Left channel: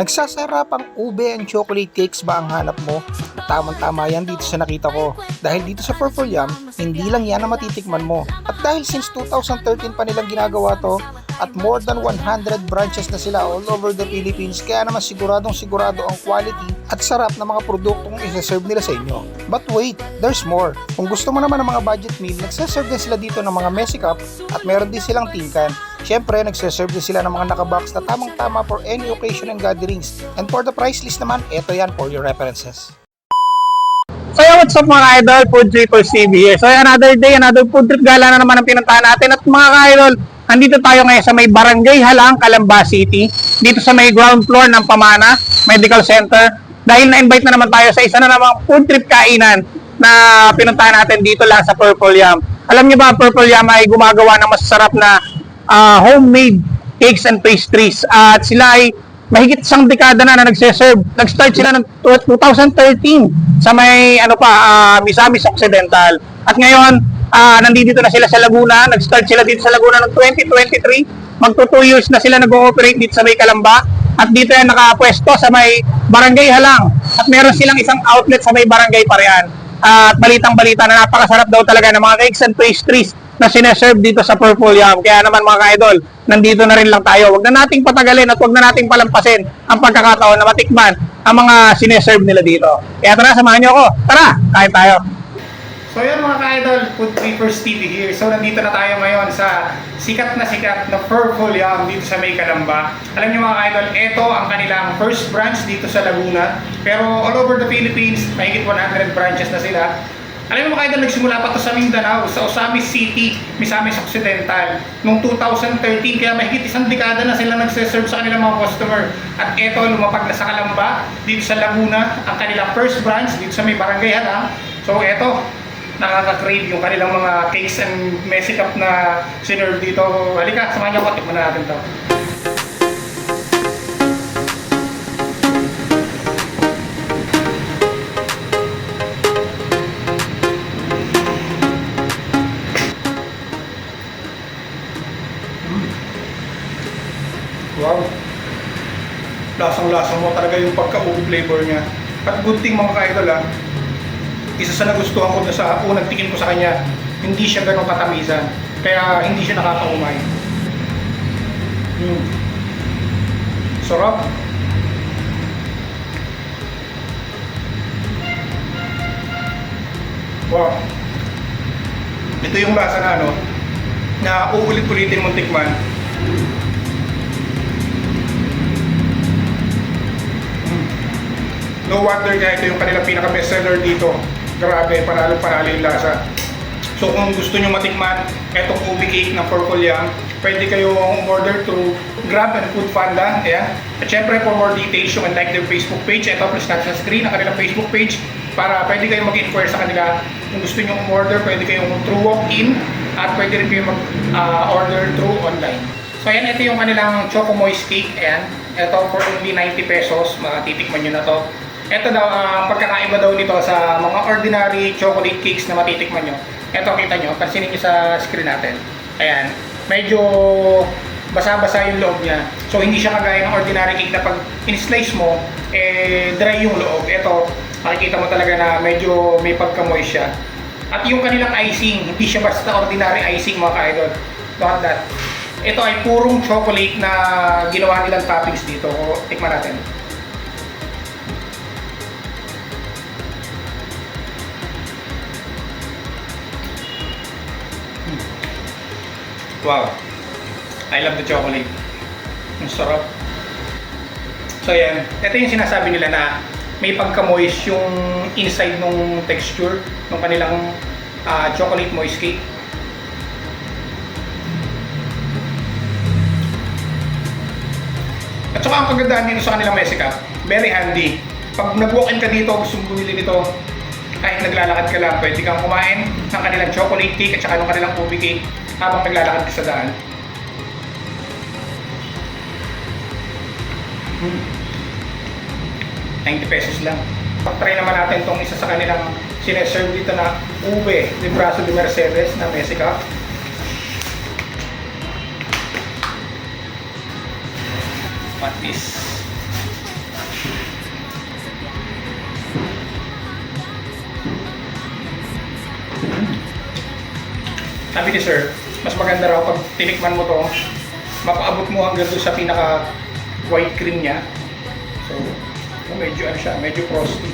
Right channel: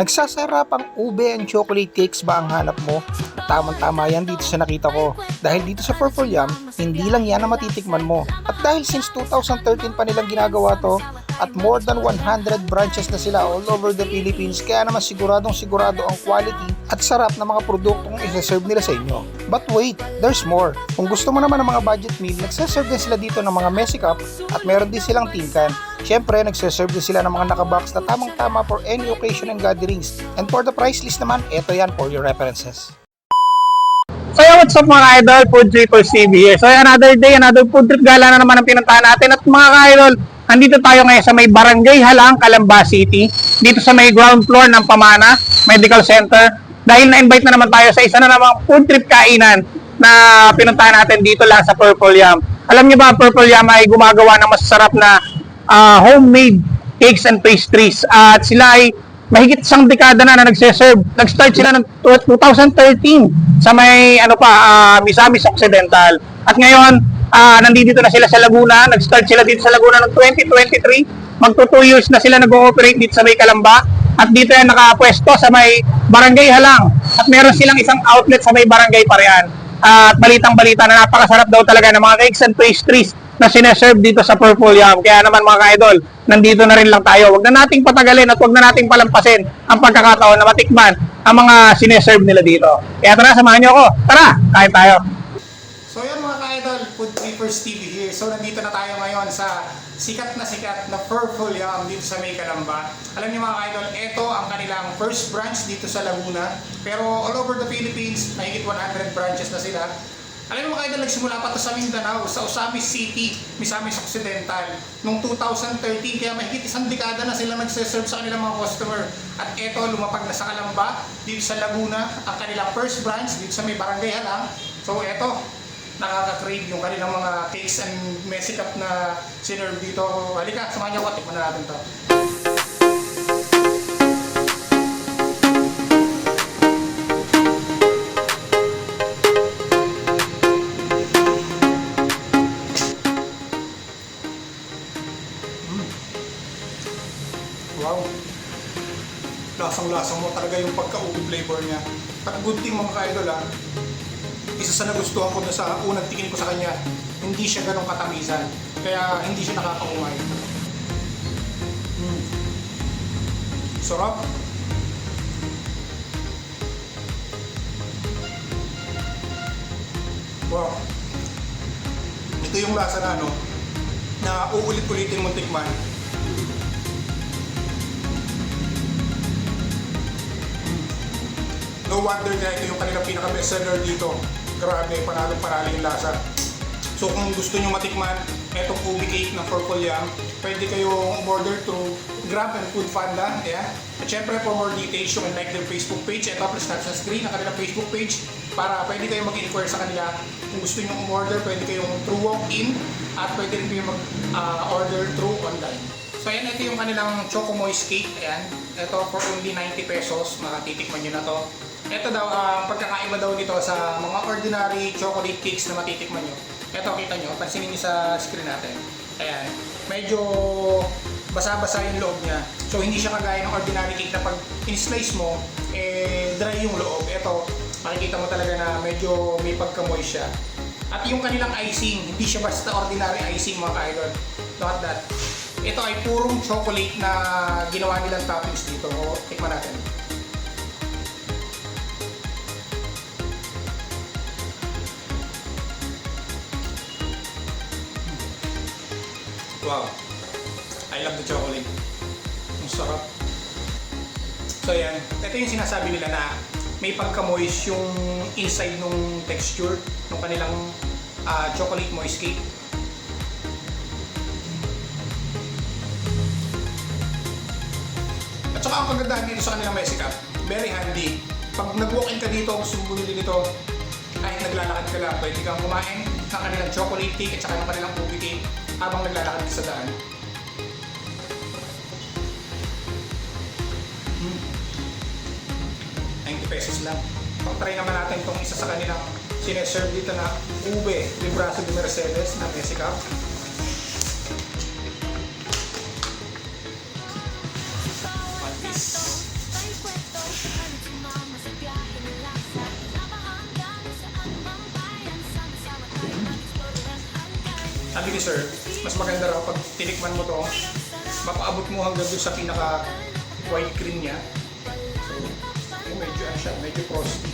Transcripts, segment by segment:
Nagsasarap ang ube and chocolate cakes ba ang hanap mo? Tamang-tama yan dito sa nakita ko. Dahil dito sa Purple Yum, hindi lang yan ang matitikman mo. At dahil since 2013 pa nilang ginagawa to, at more than 100 branches na sila all over the Philippines, kaya naman siguradong sigurado ang quality at sarap ng mga produktong isa-serve nila sa inyo. But wait, there's more. Kung gusto mo naman ng mga budget meal, nagsaserve din sila dito ng mga messy cup at meron din silang tinkan. Siyempre, nagsaserve din sila ng mga nakabox na tamang-tama for any occasion and gatherings. And for the price list naman, eto yan for your references. So what's up mga idol, Food Trippers TV here. So another day, another food trip gala na naman ang pinuntahan natin. At mga idol, nandito tayo ngayon sa may Barangay Halang, Calamba City. Dito sa may ground floor ng Pamana Medical Center. Dahil na-invite na naman tayo sa isa na namang food trip kainan na pinuntahan natin dito lang sa Purple Yum. Alam niyo ba, Purple Yum ay gumagawa ng masasarap na homemade cakes and pastries. At sila ay mahigit isang dekada na nagse-serve. Nag-start sila ng 2013 sa may Misamis Occidental. At ngayon, nandito na sila sa Laguna. Nag-start sila dito sa Laguna ng 2023. Magto 2 years na sila nag-ooperate dito sa may Calamba. At dito yan nakapwesto sa may Barangay Halang. At meron silang isang outlet sa may Barangay Parian. At balitang-balita na napakasarap daw talaga ng mga cakes and pastries na sineserve dito sa Purple Yum. Kaya naman mga idol, nandito na rin lang tayo. Huwag na nating patagalin at huwag na nating palampasin ang pagkakataon na matikman ang mga sineserve nila dito. Kaya tara, samahan niyo ako. Tara, kain tayo. So yun mga ka-idol, Food Trippers TV here. So nandito na tayo ngayon sa sikat na Purple Yum dito sa may Calamba. Alam niyo mga ka-idol, ito ang kanilang first branch dito sa Laguna. Pero all over the Philippines, mahigit 100 branches na sila. Alam mo mga idol, nagsimula pa ito sa Mindanao, sa Osamis City, Misamis Occidental, noong 2013, kaya mahigit isang dekada na sila nagse-serve sa kanilang mga customer. At eto, lumapag na sa Calamba, dito sa Laguna, ang kanilang first branch, dito sa may Barangay Halang. So eto, nakaka-crave yung kanilang mga cakes and messy cup na sinerve dito. Halika, samahan niyo ako, tikman na natin ito. Wow! Lasang-lasang mo talaga yung pagka-oat flavor niya. At good thing mga ka-idol isa sa nagustuhan ko sa unang tingin ko sa kanya, hindi siya ganong katamisan. Kaya hindi siya nakakaumay. Sarap! Wow! Ito yung lasa na na uulit-ulitin mong tikman. No wonder nga ito yung kanilang pinaka-bestseller dito. Grabe, panalo-panalo yung lasa. So kung gusto nyo matikman etong ube cake ng Purple Yum, pwede kayong order through Grab and Food Panda. Ayan. At syempre for more details, you can like their Facebook page. Ito, please tap sa screen ang kanilang Facebook page para pwede kayong mag-inquire sa kanila. Kung gusto nyo order, pwede kayong through walk-in at pwede rin kayong mag-order through online. So ayan, ito yung kanilang Choco Moist Cake. Ayan. Ito for only 90 pesos. Matitikman nyo na to. Ito daw, ang pagkakaiba daw nito sa mga ordinary chocolate cakes na matitikman nyo. Ito, kita nyo, pansinin nyo sa screen natin. Ayan, medyo basa-basa yung loob niya. So, hindi siya kagaya ng ordinary cake na pag in-slice mo, dry yung loob. Ito, makikita mo talaga na medyo may pagka-moist siya. At yung kanilang icing, hindi siya basta ordinary icing mga ka-idol. Not that. Ito ay purong chocolate na ginawa nilang toppings dito. Tikman natin. Wow! I love the chocolate. Ang sarap. So yan, ito yung sinasabi nila na may pagka-moist yung inside nung texture ng kanilang chocolate moist cake. At saka ang kagandahan dito sa kanilang messy cup, very handy. Pag nag-walk-in ka dito, gusto mong bumili nito, kahit naglalakad ka lang, pwede kang kumain ng kanilang chocolate cake at saka ng kanilang ube cake habang naglalakad ka sa daan. 90 pesos lang. Pag-try naman natin itong isa sa kanilang sineserve dito na ube de Brazo de Mercedes na messy cup. Patis. sabi ni sir, mas maganda raw pag tinikman mo to, mapaabot mo hanggang doon sa pinaka white cream niya. So, medyo ano siya, medyo frosty.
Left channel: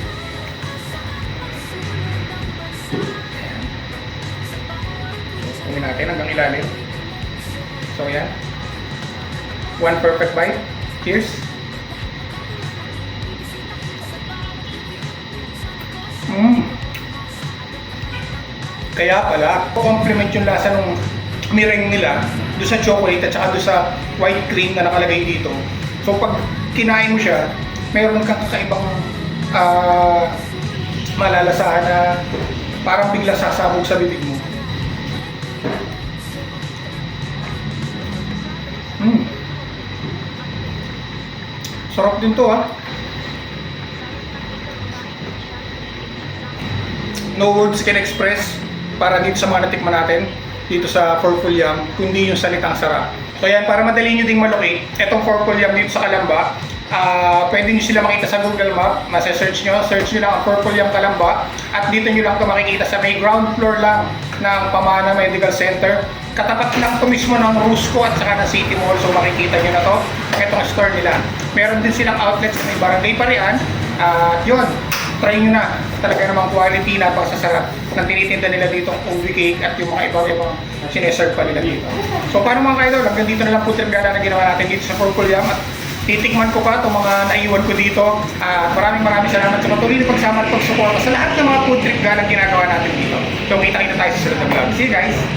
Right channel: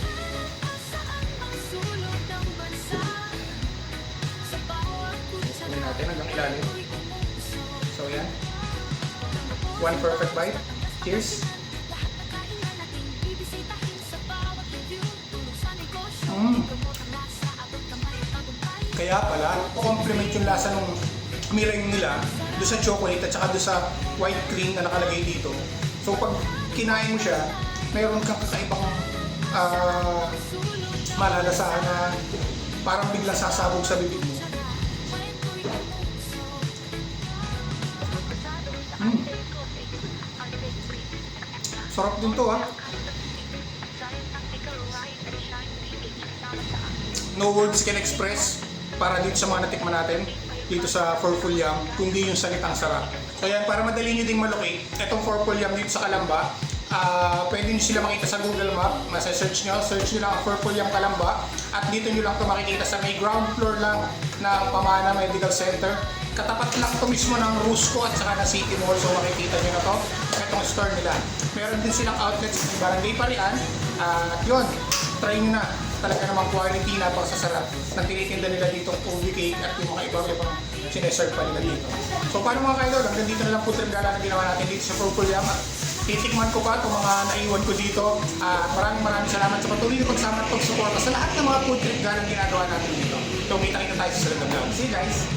Ayan. Natin hanggang ilalim. So yan. One perfect bite. Cheers. Kaya pala, complement yung lasa ng meringue nila doon sa chocolate at saka doon sa white cream na nakalagay dito. So pag kinain mo siya, mayroon kang kakaibang malalasahan na parang bigla sasabog sa bibig mo. Sarap din to No words can express para dito sa mga natikman natin dito sa Forful Yum, kundi yung salitang sarap. So yan, para madali nyo ding malocate, etong Forful Yum dito sa Calamba, pwede nyo sila makita sa Google Map, search nyo lang ang Forful Yum Calamba, at dito nyo lang ito makikita sa may ground floor lang ng Pamana Medical Center. Katapat lang ito mismo ng Rusco at saka ng City Mall, so makikita nyo na to, itong store nila. Meron din silang outlets sa may Barangay Parian, yun, try nyo na. Talaga namang quality, napakasasarap ng tinitinda nila dito ang ubi cake at yung mga iba-ibang sineserve pa nila dito. So paano mga kaidol, hanggang dito na lang po gala na ginawa natin dito sa Forful Yum at titikman ko pa itong mga naiwan ko dito. Maraming salamat sa patuloy na pagsama at pagsuporta sa lahat ng mga food trip gala ginagawa natin dito. So kita tayo sa susunod na vlog. See you guys!